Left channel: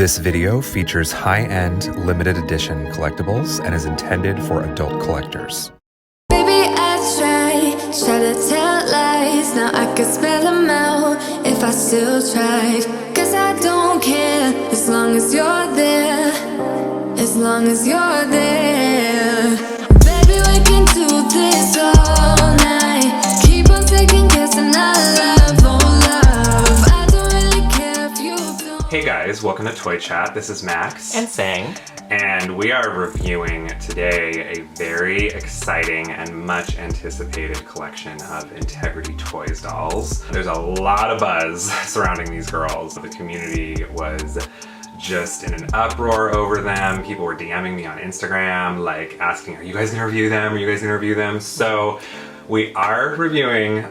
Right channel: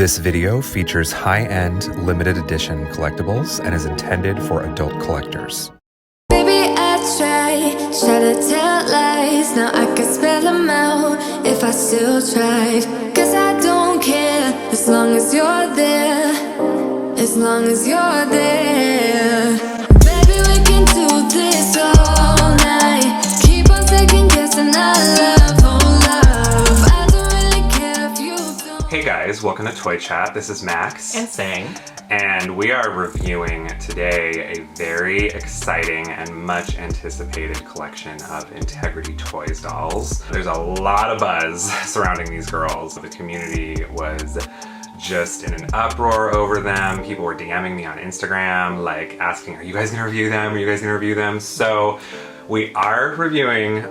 This video features high-end, limited edition collectibles and is intended for adult collectors. Baby, I try to tell lies. Now I could spell them out if I still tried. Cause I don't care as long as you're there. As long as you're there. Baby, we can do this all night. Keep on second guessing our love, oh love. I don't really care if you don't. Hey guys, welcome to Toy Chat. This is Max. And Sang. And we are reviewing today a very exciting and much anticipated collection of Integrity Toys dolls. There's a lot of buzz surrounding these girls. The community was just in an uproar over them. People were DMing me on Instagram, like asking, are you guys gonna review them? Are you guys gonna review them? So we are reviewing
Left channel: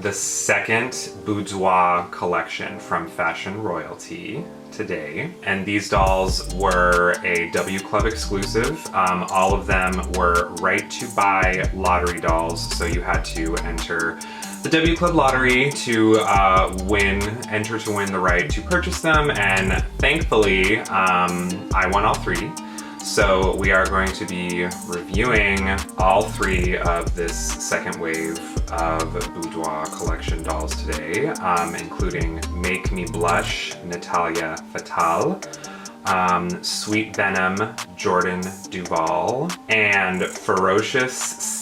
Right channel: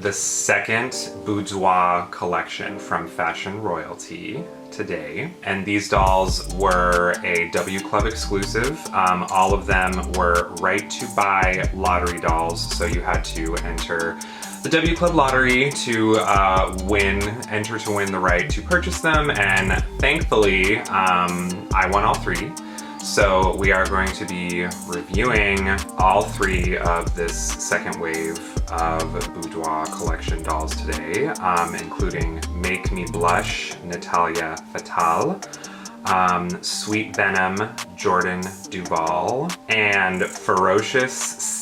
the second Boudoir collection from Fashion Royalty today. And these dolls were a W Club exclusive. All of them were right to buy lottery dolls. So you had to enter the W Club lottery to enter to win the right to purchase them. And thankfully, I won all three. So we are going to be reviewing all three of this second wave of Boudoir collection dolls today, including Make Me Blush, Natalia Fatal, Sweet Venom, Jordan Duval, and Ferocious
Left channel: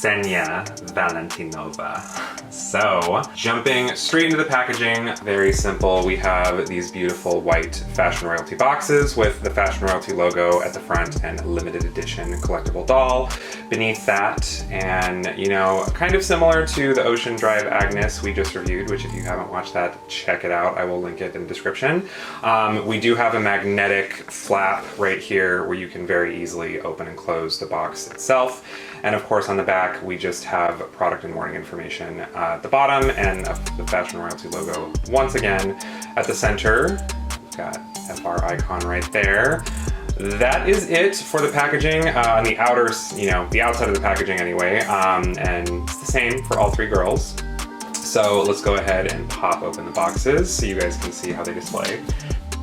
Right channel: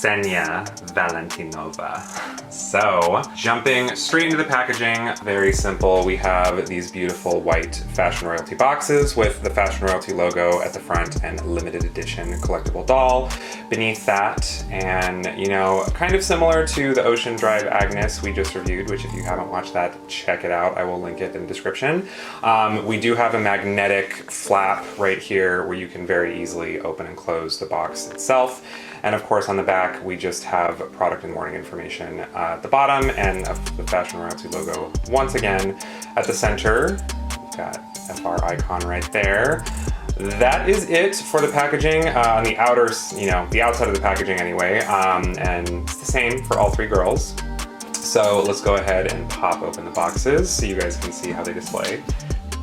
Senya Valentinova. So, jumping straight into the packaging, very simple. We have these beautiful white Fashion Royalty boxes with the Fashion Royalty logo at the front and limited edition collectible doll beneath that. And, you know, kind of similar to the Ocean Drive Agnes we just reviewed, which if you haven't watched that, check it out. I will link it in the description. We do have a magnetic flap right here where you can very easily open and close the box itself. And of course on the back we just have product and warning information at the bottom and the Fashion Royalty logo once again at the center. We've got FR icon right there. That is it for the packaging on the outer, the outside of the packaging anyway, and it's the same for all three girls. So let's go ahead and pop open the boxes so you guys can see how they display.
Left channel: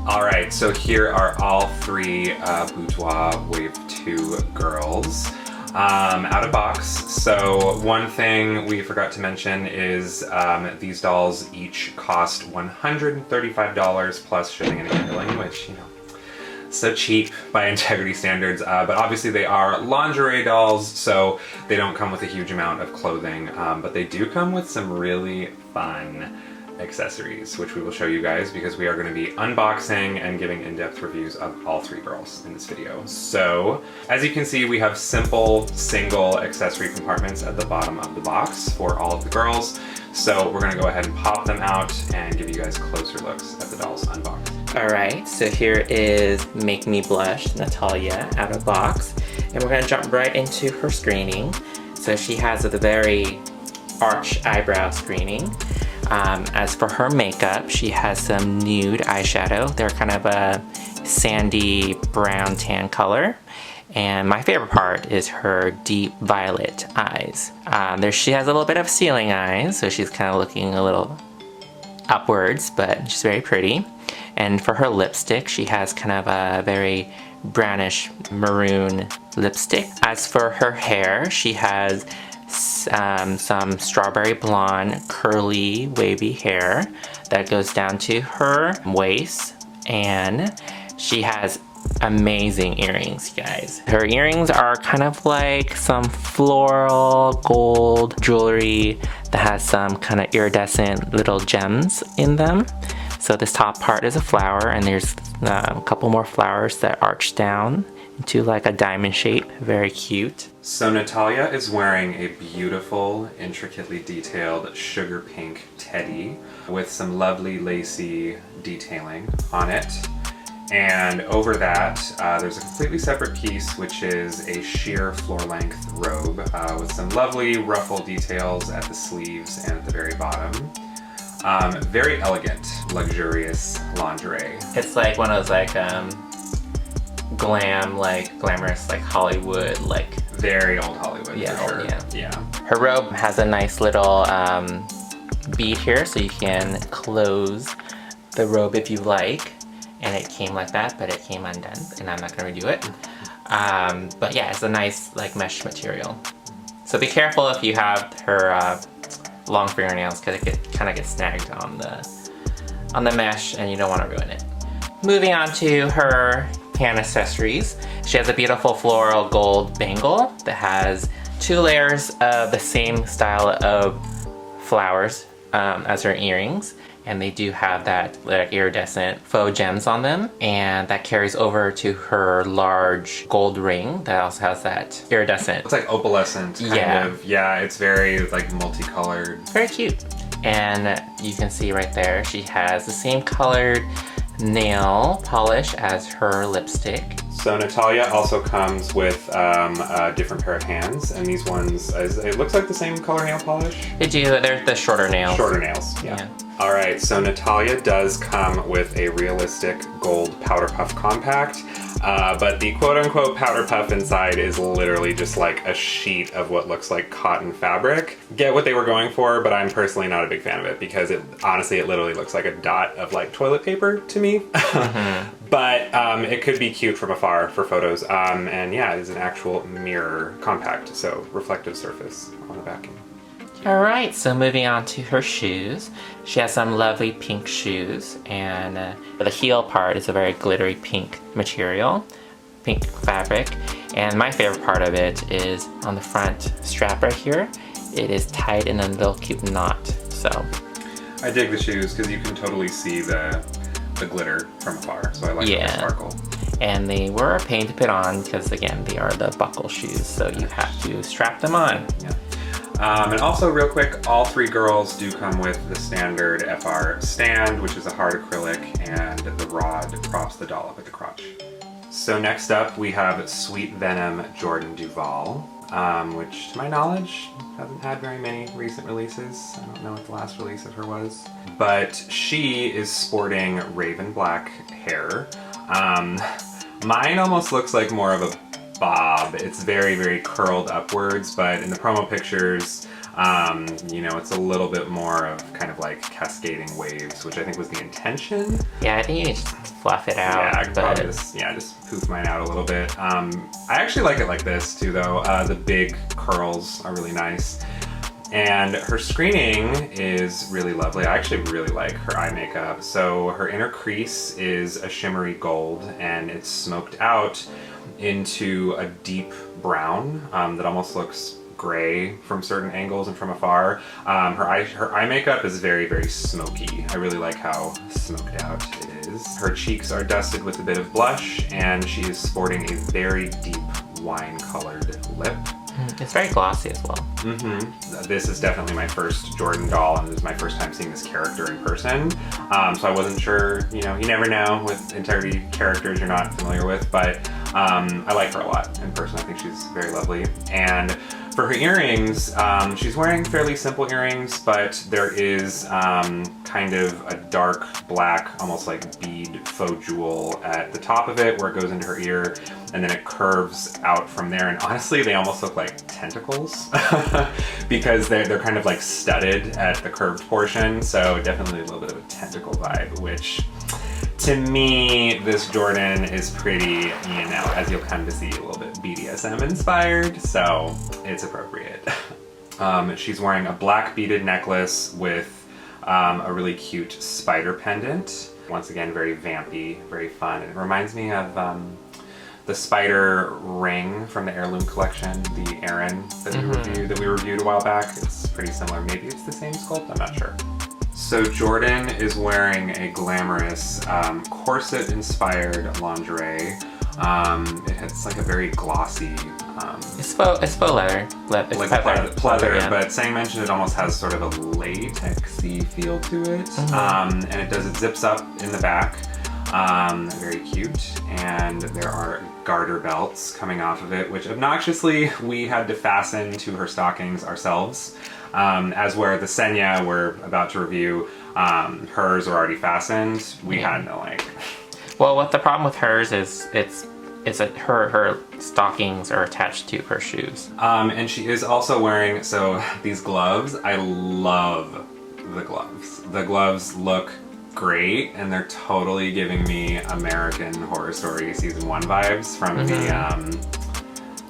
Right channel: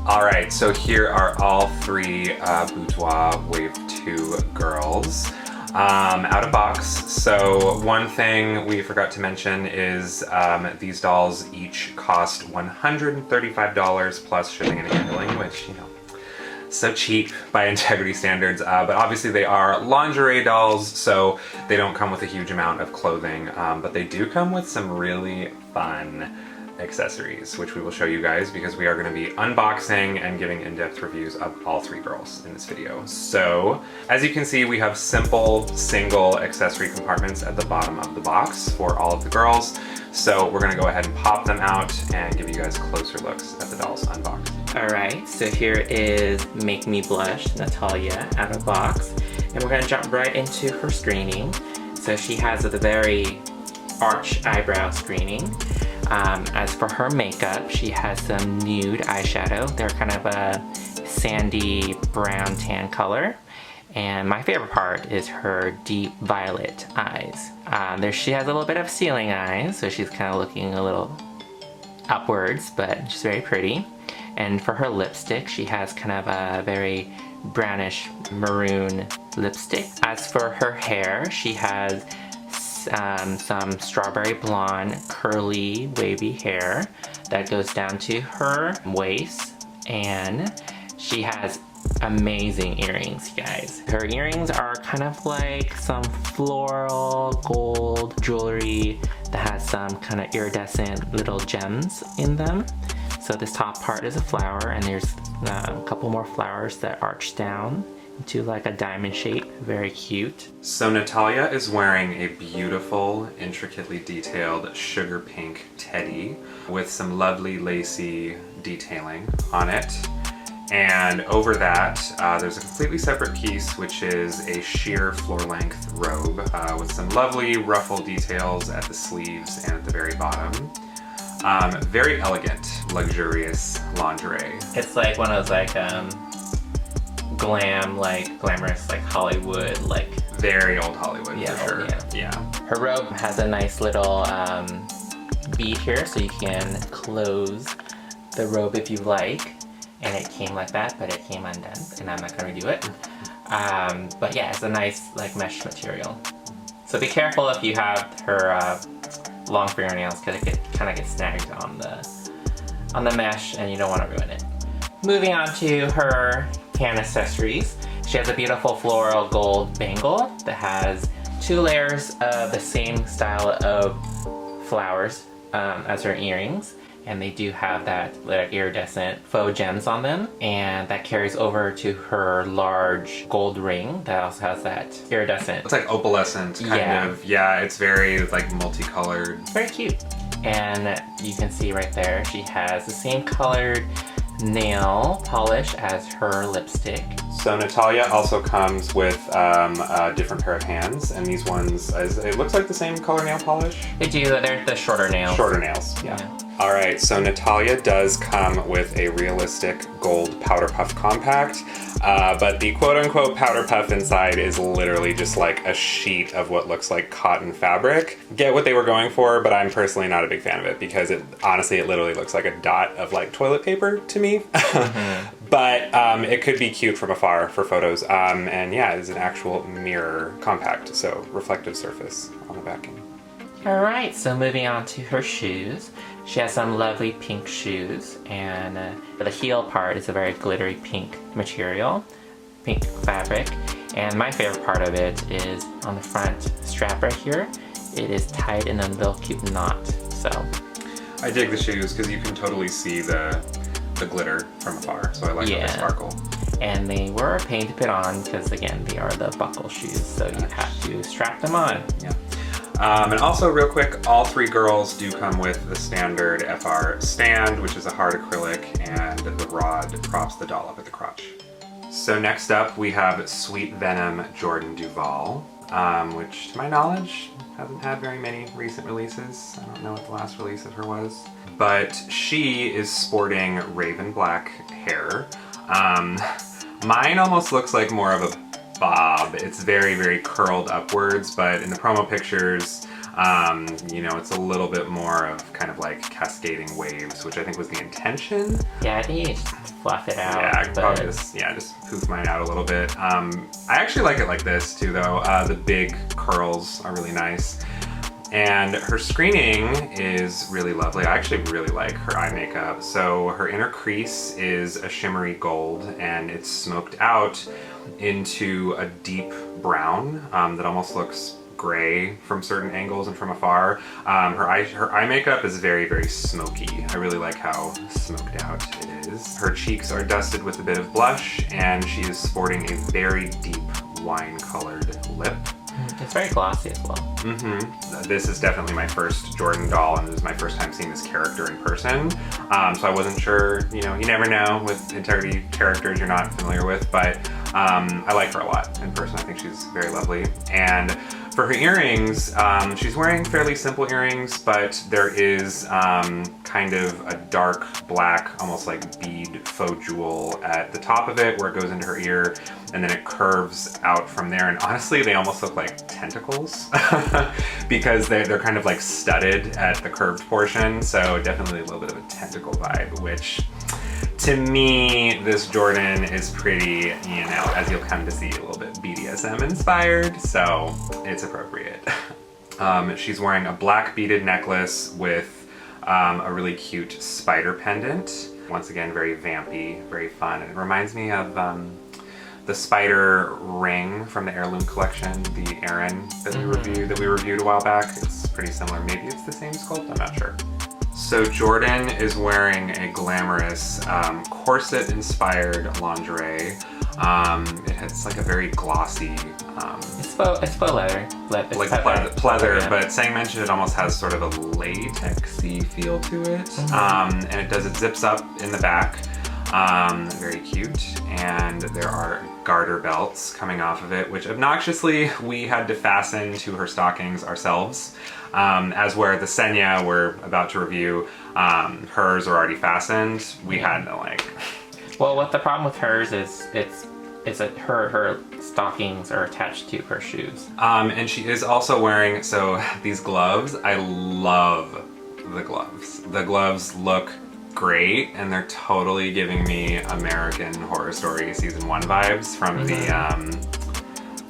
All right, so here are all three Boudoir Wave 2 girls out of box. So one thing we forgot to mention is these dolls each cost $135 plus shipping and handling, which, you know, so cheap by Integrity standards, but obviously they are lingerie dolls, so they don't come with a huge amount of clothing, but they do come with some really fun accessories, which we will show you guys because we are going to be unboxing and giving in-depth reviews of all three girls in this video. So, as you can see, we have simple single accessory compartments at the bottom of the box for all of the girls. So we're going to go ahead and pop them out and give you guys closer looks at the dolls unboxed. Alright, so here is Make Me Blush, Natalia, out of box. And we're going to jump right into her screening. So she has a very arch eyebrow screening. As for her makeup, she has some nude eyeshadow. They're kind of a sandy brown tan color. And my favorite part is her deep violet eyes. She has a little bit of ceiling eyes, so she's kind of looking a little upwards, but she's very pretty. And for her lipstick, she has kind of a very brownish maroon lipstick. As for her hair, she has some strawberry blonde curly wavy hair that goes down to her waist, and she has amazing earrings, guys. Her earrings are kind of like some floral gold jewelry that has some kind of iridescent little gems in them. So this top part is a flower, and there's a couple more flowers that arch down into like a diamond shape. Very cute. So Natalia is wearing a beautiful, intricately detailed sugar pink teddy with some lovely lacy detailing on it. And over that, there's a completely separate piece, which is a sheer floor-length robe with some lovely ruffle details at the sleeves and at the very bottom. Very elegant, luxurious lingerie. It's like one of those like glamorous like Hollywood, like very old Hollywood, yeah, for sure. Yeah. Her robe has a nice little bead here, so you can close the robe if you like. and it came like that, but it came undone, and I'm not going to redo it. But yeah, it's a nice like mesh material. So be careful if you have her long fingernails, because it kind of gets snagged on the mesh, and you don't want to ruin it. Moving on to her hand accessories. She has a beautiful floral gold bangle that has 2 layers of the same style of flowers as her earrings. And they do have that like iridescent faux gems on them, and that carries over to her large gold ring that also has that iridescent. It's like opalescent kind of. Yeah, it's very like multicolored. Very cute. And you can see right there, she has the same colored nail polish as her lipstick. So Natalia also comes with a different pair of hands, and these ones, it looks like the same color nail polish. They do, they're the shorter nails. Shorter nails, yeah. All right, so Natalia does come with a realistic gold powder puff compact, but the quote-unquote powder puff inside is literally just like a sheet of what looks like cotton fabric. Get what they were going for, but I'm personally not a big fan of it because honestly it literally looks like a dot of like toilet paper to me. But it could be cute from afar for photos. And yeah, it is an actual mirror compact, so reflective surface on the backing. All right, so moving on to her shoes. She has some lovely pink shoes, and the heel part is a very glittery pink material, pink fabric. And my favorite part of it is on the front strap right here. It is tied in a little cute knot, so. I dig the shoes because you can totally see the glitter from afar, so I like the sparkle. And they were a pain to put on because again, they are the buckle shoes, so you have to strap them on. Yeah. And also real quick, all 3 girls do come with the standard FR stand, which is a hard acrylic, and the rod props the doll up at the crotch. So next up we have Sweet Venom Jordan Duval, which to my knowledge hasn't had very many recent releases. I don't know what the last release of her was. But she is sporting raven black hair. Mine almost looks like more of a bob. It's very, very curled upwards, but in the promo pictures, you know, it's a little bit more of kind of like cascading waves, which I think was the intention. Yeah, I think you can just fluff it out. Yeah, I could probably just poof mine out a little bit. I actually like it like this too, though. The big curls are really nice. And her screening is really lovely. I actually really like her eye makeup. So her inner crease is a shimmery gold, and it's smoked out into a deep brown that almost looks gray from certain angles and from afar. Her eye makeup is very, very smoky. I really like how smoked out it is. Her cheeks are dusted with a bit of blush, and she is sporting a very deep wine-colored lip. It's very glossy as well. This is definitely my first Jordan doll, and this is my first time seeing this character in person. So I wasn't sure, you know, you never know with Integrity characters you're not familiar with, but I like her a lot in person. I think she's very lovely. And for her earrings, she's wearing fairly simple earrings, but there is kind of a dark black, almost like bead faux jewel at the top of it where it goes into her ear, and then it curves out from there. And honestly, they almost look like tentacles because they're kind of like studded at the curved portion. So definitely a little bit of a tentacle vibe, which to me, this Jordan is pretty, you know, as you'll come to see, a little bit BDSM inspired, so it's appropriate. She's wearing a black beaded necklace with a really cute spider pendant. Once again, very vampy, very fun, and it reminds me of the spider ring from the Heirloom collection, the Erin that we reviewed a while back. It's pretty similar. Maybe it's the same sculpt, I'm not sure. So Jordan is wearing a glamorous corset-inspired lingerie. It's like a very glossy... It's faux leather. Like pleather, but Sang mentioned it almost has sort of a latexy feel to it. And it zips up in the back. Very cute. And there are garter belts coming off of it, which obnoxiously we had to fasten to her stockings ourselves. As where the Senya we're about to review, hers are already fastened. We had no like. Well, what the problem with hers is it's like her stockings are attached to her shoes. And she is also wearing these gloves. I love the gloves. The gloves look great, and they're totally giving me American Horror Story Season 1 vibes from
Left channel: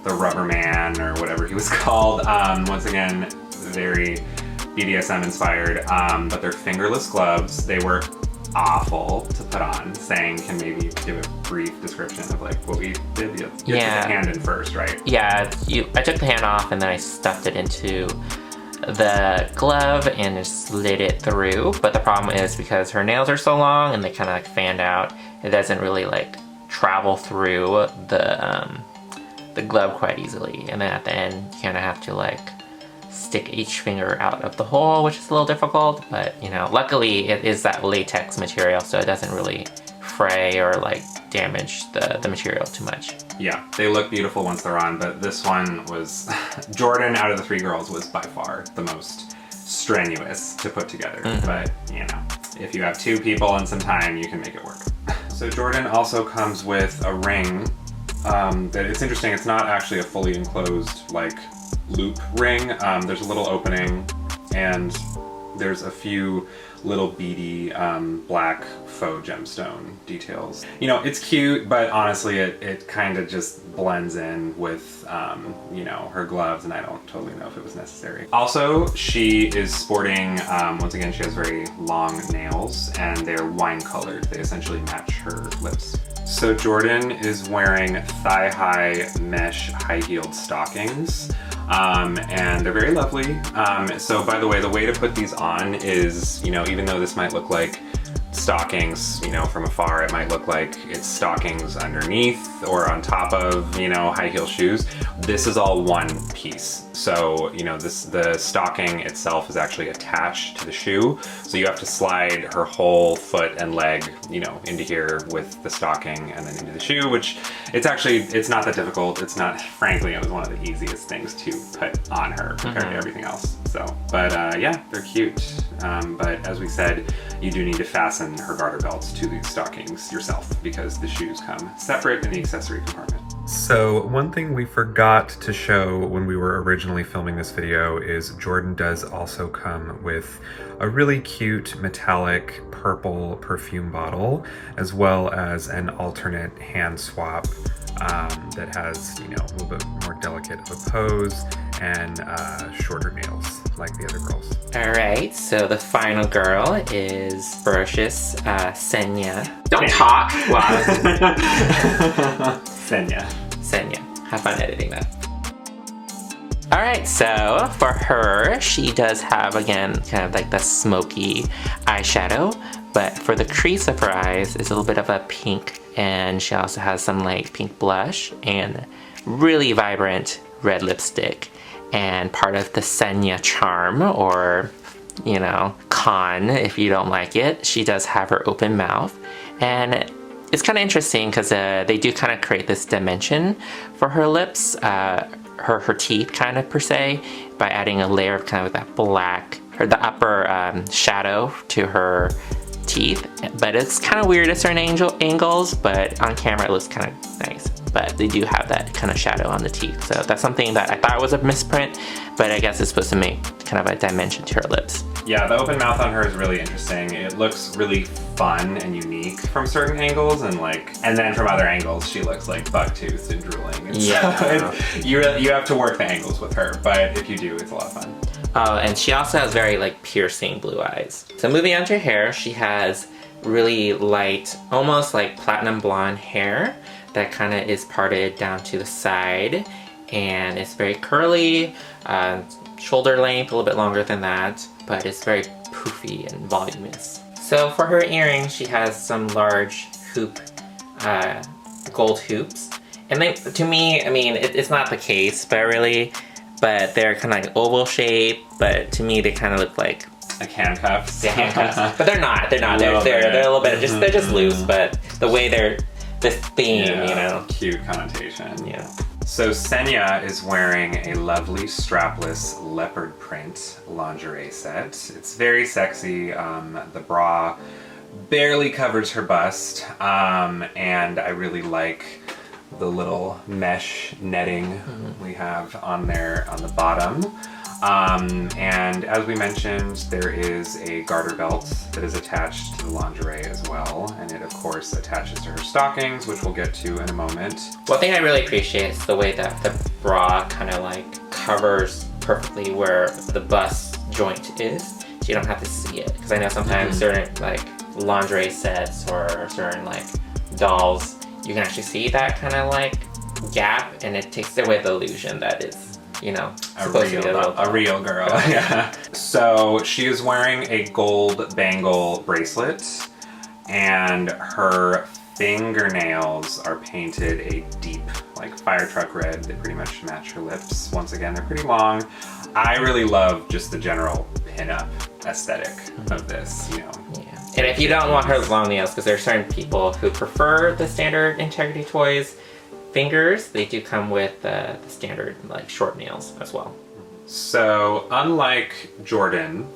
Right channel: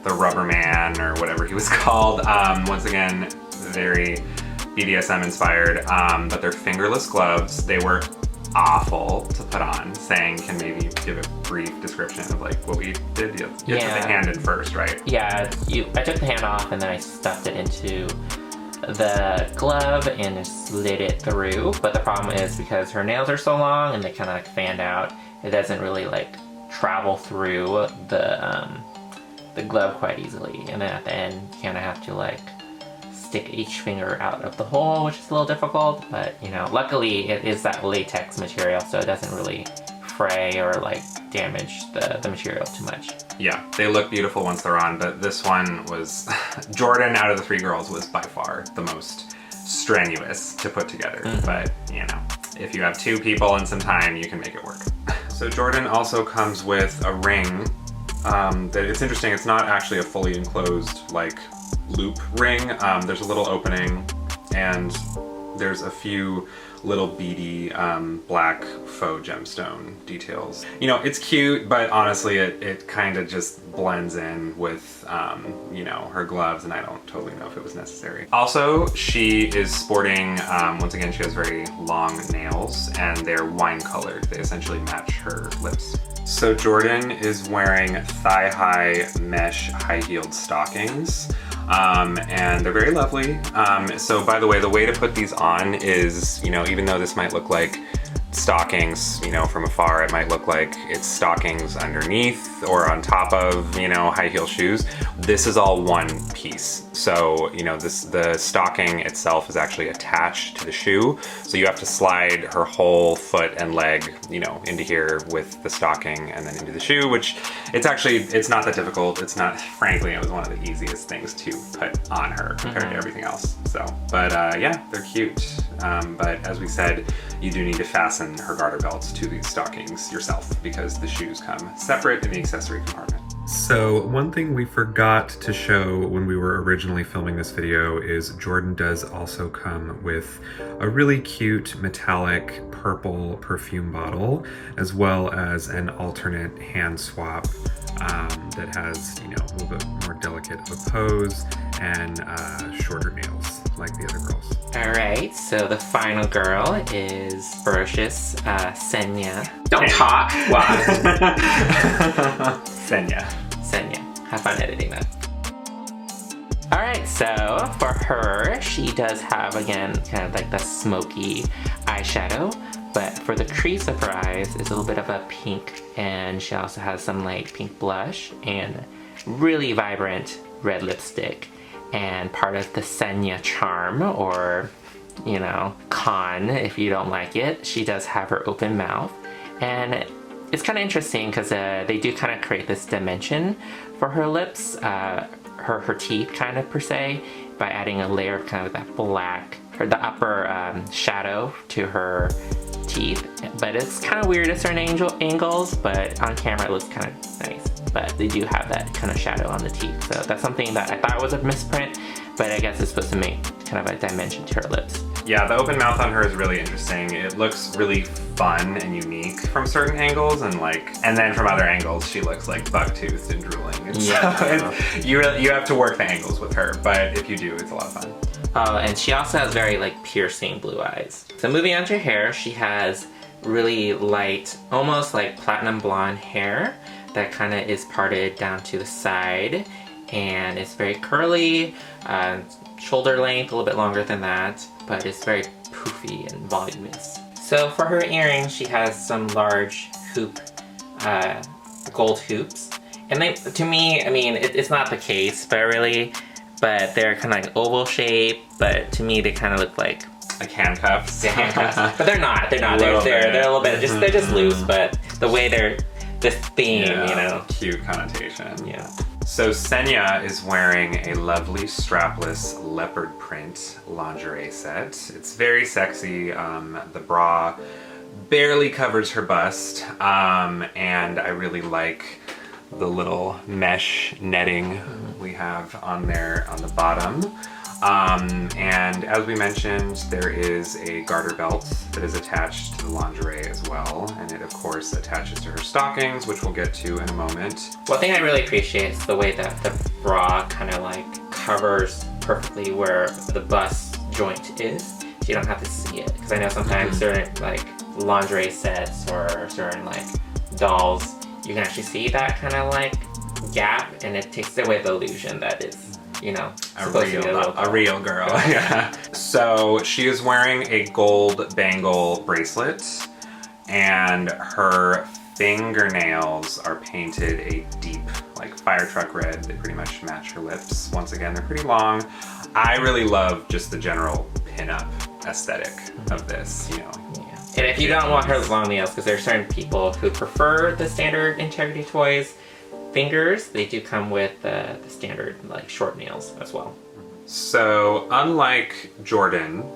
the Rubber Man, or whatever he was called. Once again, very BDSM inspired, but they're fingerless gloves. They were awful to put on. Sang can maybe give a brief description of like what we did. You took the hand in first, right? Yeah, I took the hand off and then I stuffed it into the glove and just slid it through. But the problem is because her nails are so long and they kind of like fanned out, it doesn't really like travel through the glove quite easily. And then at the end, you kind of have to like stick each finger out of the hole, which is a little difficult, but you know, luckily it is that latex material, so it doesn't really fray or like damage the material too much. Yeah, they look beautiful once they're on, but this one was, Jordan out of the 3 girls was by far the most strenuous to put together. But you know, if you have 2 people and some time, you can make it work. So Jordan also comes with a ring that it's interesting, it's not actually a fully enclosed like loop ring. There's a little opening and there's a few little beady black faux gemstone details. You know, it's cute, but honestly it kind of just blends in with you know, her gloves, and I don't totally know if it was necessary. Also, she is sporting, once again, she has very long nails and they're wine colored. They essentially match her lips. So Jordan is wearing thigh-high mesh high-heeled stockings. And they're very lovely. So by the way, the way to put these on is, you know, even though this might look like stockings, you know, from afar, it might look like it's stockings underneath or on top of, you know, high heel shoes. This is all one piece. So, you know, the stocking itself is actually attached to the shoe. So you have to slide her whole foot and leg, you know, into here with the stocking and then into the shoe, which it's not that difficult. It's not, frankly, it was one of the easiest things to put on her compared to everything else. So, but yeah, they're cute. But as we said, you do need to fasten her garter belts to these stockings yourself because the shoes come separate in the accessory compartment. So one thing we forgot to show when we were originally filming this video is Jordan does also come with a really cute metallic purple perfume bottle, as well as an alternate hand swap that has, you know, a little bit more delicate of a pose and shorter nails like the other girls. Alright, so the final girl is ferocious Senya. Don't talk! Wow. Senya. Have fun editing that. Alright, so for her, she does have, again, kind of like the smoky eyeshadow, but for the crease of her eyes, it's a little bit of a pink, and she also has some like pink blush and really vibrant red lipstick. And part of the Senya charm, or, you know, con if you don't like it, she does have her open mouth. And it's kind of interesting because they do kind of create this dimension for her lips, her teeth kind of per se, by adding a layer of kind of that black, or the upper shadow to her teeth. But it's kind of weird at certain angles, but on camera it looks kind of nice. But they do have that kind of shadow on the teeth. So that's something that I thought was a misprint, but I guess it's supposed to make kind of a dimension to her lips. Yeah, the open mouth on her is really interesting. It looks really fun and unique from certain angles, and then from other angles she looks like buck-toothed and drooling. And Yeah. so you have to work the angles with her, but if you do, it's a lot of fun. Oh, and she also has very like piercing blue eyes. So moving on to her hair, she has really light, almost like platinum blonde hair that kind of is parted down to the side, and it's very curly, shoulder length, a little bit longer than that, but it's very poofy and voluminous. So for her earrings, she has some large hoop, gold hoops. And they, to me, I mean, it's not the case, but they're kind of like oval shape, but to me they kind of look like handcuffs. Yeah, handcuffs. But they're not. They're a little bit they're just loose, but the way they're this theme, yeah, you know. Cute connotation. Yeah. So Senya is wearing a lovely strapless leopard print lingerie set. It's very sexy. The bra barely covers her bust, and I really like the little mesh netting we have on there on the bottom. And as we mentioned, there is a garter belt that is attached to the lingerie as well. And it of course attaches to her stockings, which we'll get to in a moment. One thing I really appreciate is the way that the bra kind of like covers perfectly where the bust joint is. So you don't have to see it. Because I know sometimes certain like lingerie sets or certain like dolls, you can actually see that kind of like gap, and it takes away the illusion that it's, you know, a real girl. Yeah. So she is wearing a gold bangle bracelet, and her fingernails are painted a deep, like fire truck red. They pretty much match her lips. Once again, they're pretty long. I really love just the general pin-up aesthetic of this, you know. Yeah. And if you don't want her long nails, because there are certain people who prefer the standard Integrity Toys fingers, they do come with the standard like short nails as well. So unlike Jordan,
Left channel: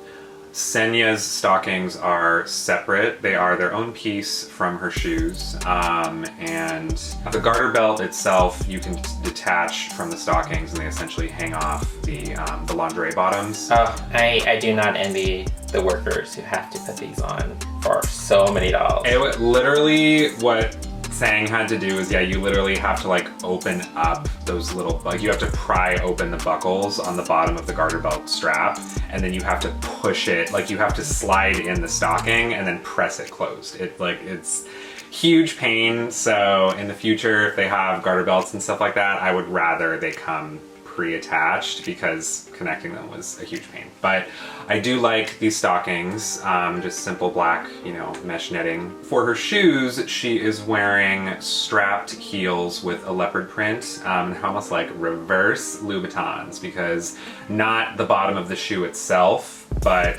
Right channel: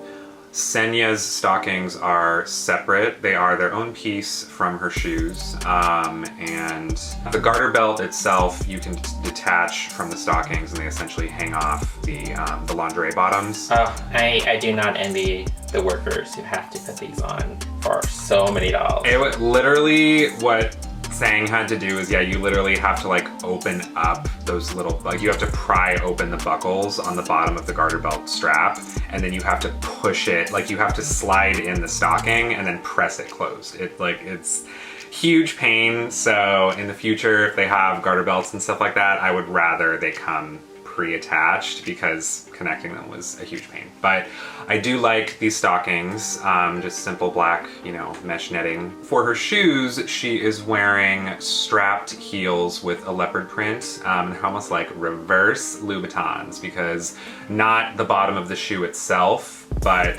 Senya's stockings are separate. They are their own piece from her shoes. And the garter belt itself, you can detach from the stockings, and they essentially hang off the lingerie bottoms. Oh, I do not envy the workers who have to put these on for so many dollars. Literally what Sang had to do is, yeah, you literally have to like open up those little, like you have to pry open the buckles on the bottom of the garter belt strap, and then you have to push it, like you have to slide in the stocking and then press it closed. It's huge pain. So in the future, if they have garter belts and stuff like that, I would rather they come pre-attached, because connecting them was a huge pain. But I do like these stockings, just simple black, you know, mesh netting. For her shoes, she is wearing strapped heels with a leopard print, almost like reverse Louboutins, because not the bottom of the shoe itself, but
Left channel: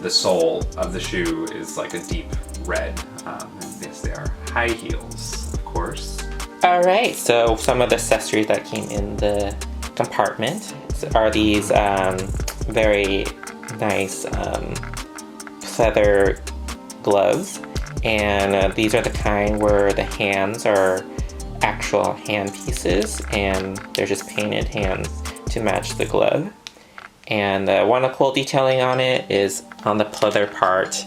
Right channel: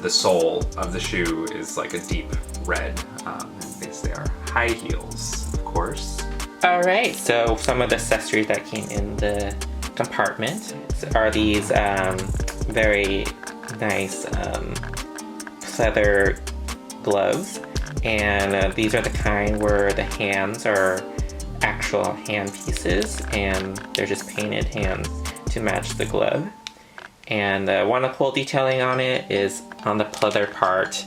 the sole of the shoe is like a deep red. Yes, they are high heels, of course. All right, so some of the accessories that came in the compartment are these very nice leather gloves, and these are the kind where the hands are actual hand pieces, and they're just painted hands to match the glove. And one of the cool detailing on it is on the pleather part,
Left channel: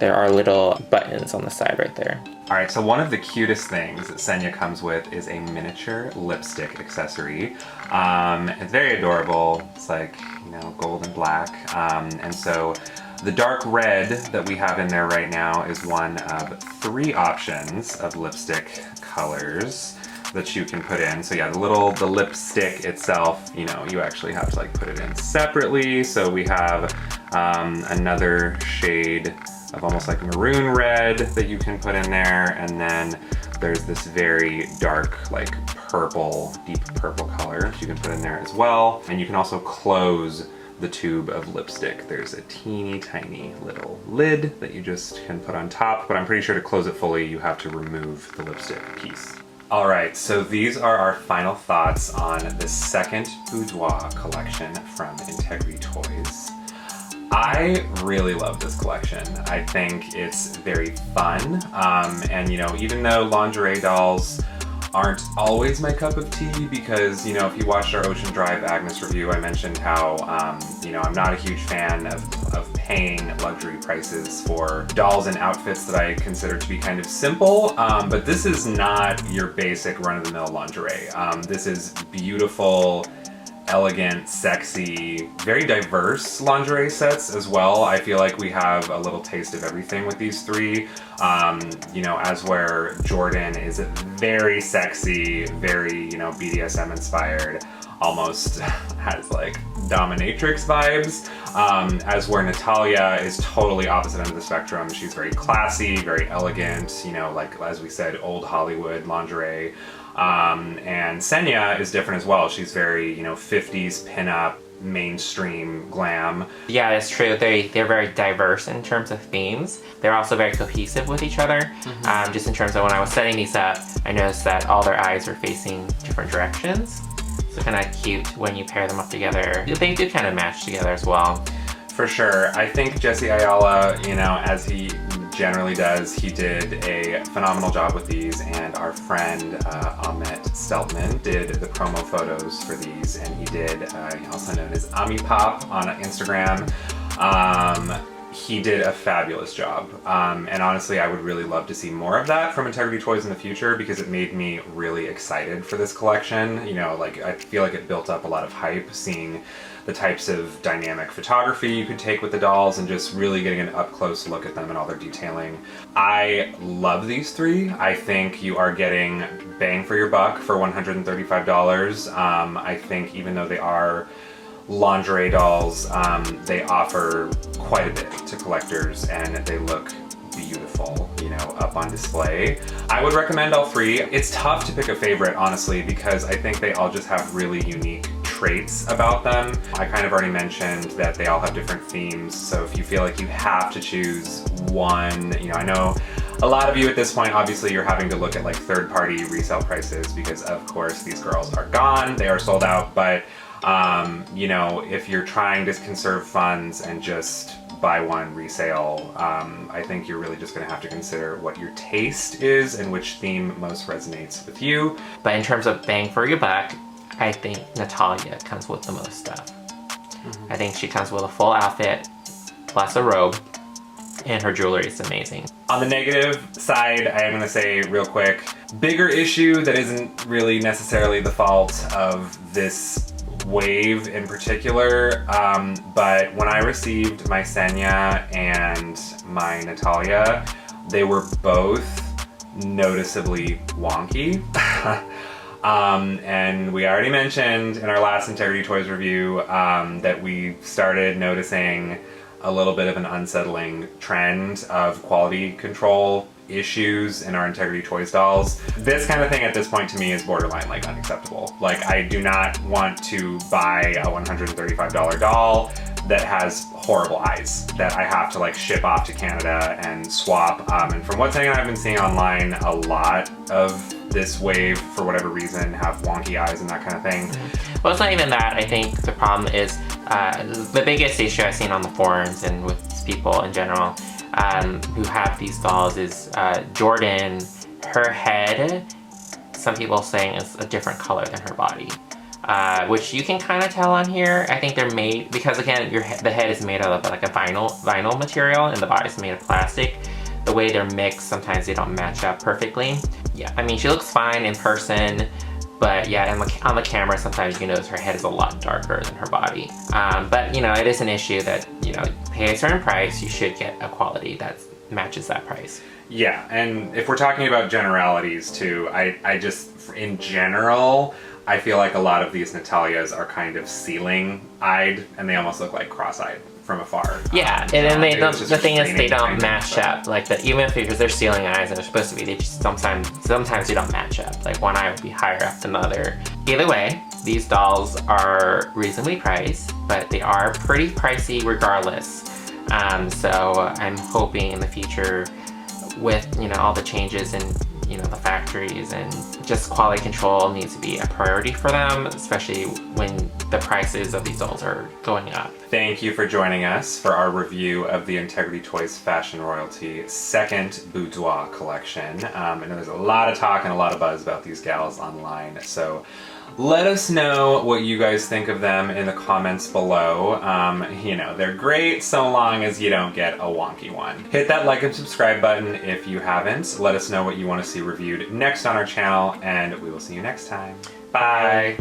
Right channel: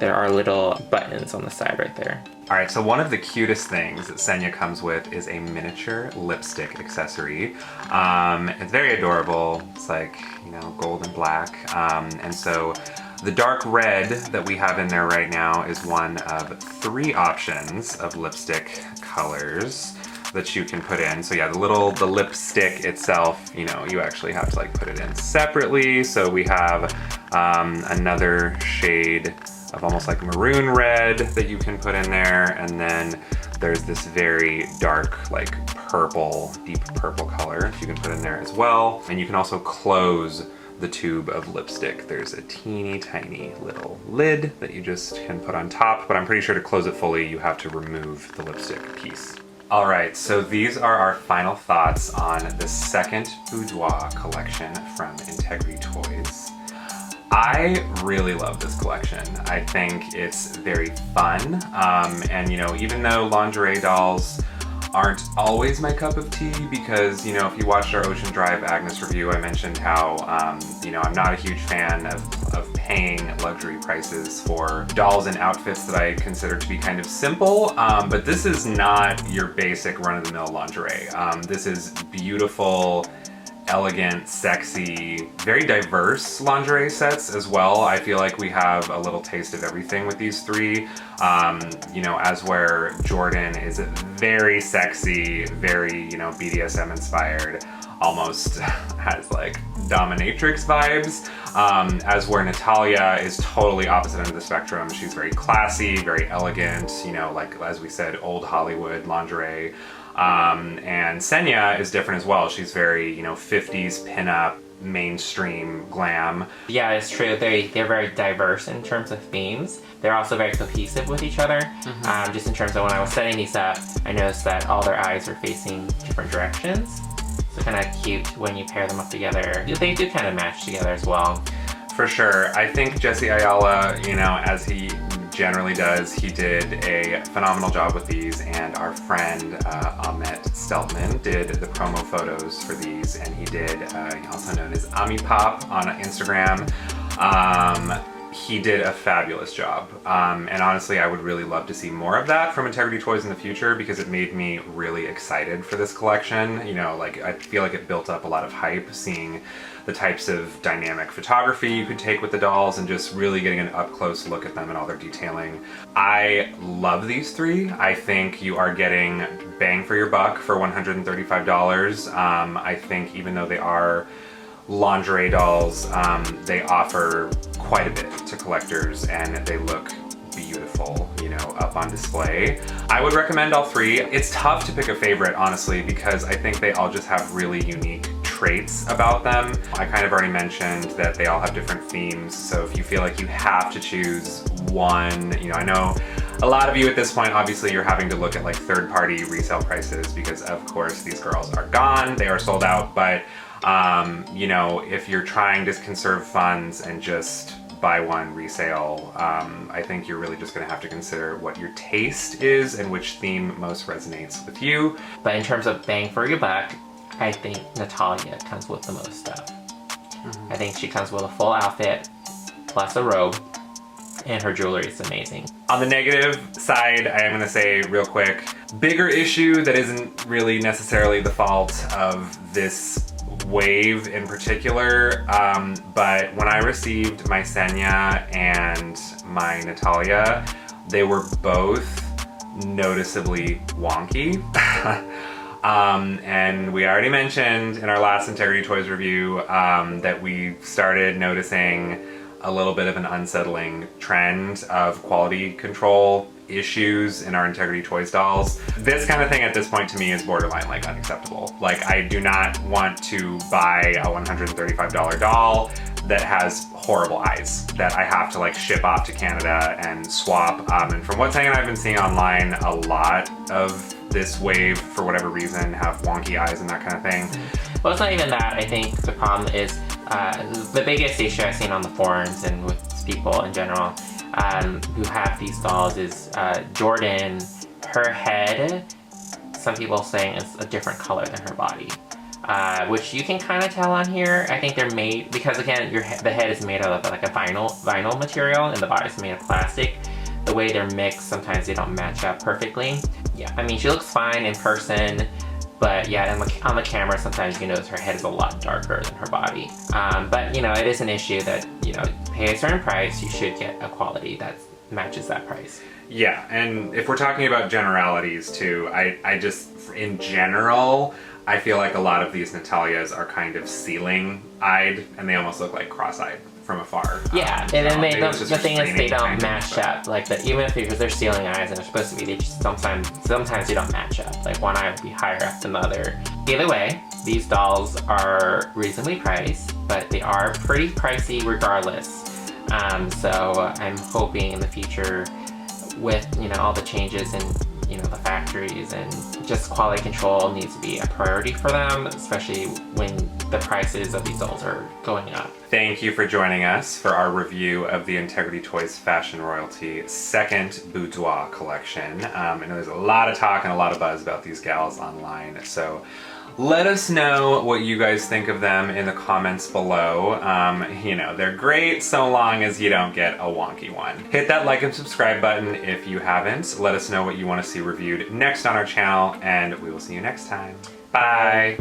there are little buttons on the side right there. All right, so one of the cutest things that Senya comes with is a miniature lipstick accessory. It's very adorable. It's like, you know, gold and black. And so the dark red that we have in there right now is one of 3 options of lipstick colors that you can put in. So yeah, the lipstick itself, you know, you actually have to like put it in separately. So we have another shade of almost like maroon red that you can put in there, and then there's this very dark, like purple, deep purple color you can put in there as well. And you can also close the tube of lipstick. There's a teeny tiny little lid that you just can put on top, but I'm pretty sure to close it fully, you have to remove the lipstick piece. All right, so these are our final thoughts on the second Boudoir collection from Integrity Toys. I really love this collection. I think it's very fun. And you know, even though lingerie dolls aren't always my cup of tea, because, you know, if you watched our Ocean Drive Agnes review, I mentioned how, you know, I'm not a huge fan of paying luxury prices for dolls and outfits that I consider to be kind of simple. But this is not your basic run-of-the-mill lingerie. This is beautiful, elegant, sexy, very diverse lingerie sets as well. I feel like we have a little taste of everything with these 3. You know, as where Jordan is very sexy, very, you know, BDSM inspired, almost has like dominatrix vibes. As where Natalia is totally opposite end of the spectrum. She's very classy, very elegant, you know, like as we said, old Hollywood lingerie. And Senya is different as well. She's very, you know, 50s pinup, mainstream glam. Yeah, it's true. They're very diverse in terms of themes. They're also very cohesive with each other. Just in terms of when I was setting these up, I noticed that all their eyes were facing different directions. So kind of cute when you pair them up together. They do kind of match together as well. For sure. I think Jesse Ayala, you know, as he generally does. He did a phenomenal job with these, and our friend Ahmet Steltman did the promo photos for these, and he did, also known as Ami Pop on Instagram. He did a fabulous job, and honestly I would really love to see more of that from Integrity Toys in the future, because it made me really excited for this collection. You know, like, I feel like it built up a lot of hype seeing the types of dynamic photography you could take with the dolls and just really getting an up-close look at them and all their detailing. I love these three. I think you are getting bang for your buck for $135. I think even though they are lingerie dolls, they offer quite a bit to collectors, and they look beautiful, you know, up on display. I would recommend all three. It's tough to pick a favorite, honestly, because I think they all just have really unique traits about them. I kind of already mentioned that they all have different themes, so if you feel like you have to choose one, you know, I know a lot of you at this point, obviously you're having to look at like third-party resale prices, because of course these girls are gone, they are sold out, but you know, if you're trying to conserve funds and just buy one resale, I think you're really just gonna have to consider what your taste is and which theme most resonates with you. But in terms of bang for your buck, I think Natalia comes with the most stuff. I think she comes with a full outfit, plus a robe, and her jewelry is amazing. On the negative side, I am gonna say real quick, bigger issue that isn't really necessarily the fault of this wave in particular, but when I received my Senya and my Natalia, they were both noticeably wonky. And we already mentioned in our last Integrity Toys review that we started noticing a little bit of an unsettling trend of quality control issues in our Integrity Toys dolls. This kind of thing at this point to me is borderline like unacceptable. Like, I do not want to buy a $135 doll that has horrible eyes that I have to like ship off to Canada and swap. And from what Tang and I have been seeing online, a lot of this wave, for whatever reason, have wonky eyes and that kind of thing. Well, it's not even that. I think the problem is the biggest issue I've seen on the forums and with people in general who have these dolls is Jordan, her head, some people are saying is a different color than her body. Which you can kind of tell on here. I think they're made, because again, the head is made out of like a vinyl material and the body is made of plastic. The way they're mixed, sometimes they don't match up perfectly. Yeah, I mean, she looks fine in person, but yeah, on the camera, sometimes you notice her head is a lot darker than her body. But you know, it is an issue that, you know, pay a certain price, you should get a quality that matches that price. Yeah, and if we're talking about generalities too, I just, in general, I feel like a lot of these Natalias are kind of ceiling-eyed, and they almost look like cross-eyed from afar. Yeah, and then they don't, the thing is they don't match up. Like, even if because they're ceiling eyes and they're supposed to be, they just sometimes they don't match up. Like, one eye would be higher up than the other. Either way, these dolls are reasonably priced, but they are pretty pricey regardless. So I'm hoping in the future, with, you know, all the changes in, you know, the factories and just quality control needs to be a priority for them, especially when the prices of these dolls are going up. Thank you for joining us for our review of the Integrity Toys Fashion Royalty second Boudoir collection. I know there's a lot of talk and a lot of buzz about these gals online, so let us know what you guys think of them in the comments below. You know, they're great so long as you don't get a wonky one. Hit that like and subscribe button if you haven't. Let us know what you want to see reviewed next on our channel, and we will see you next time. Bye!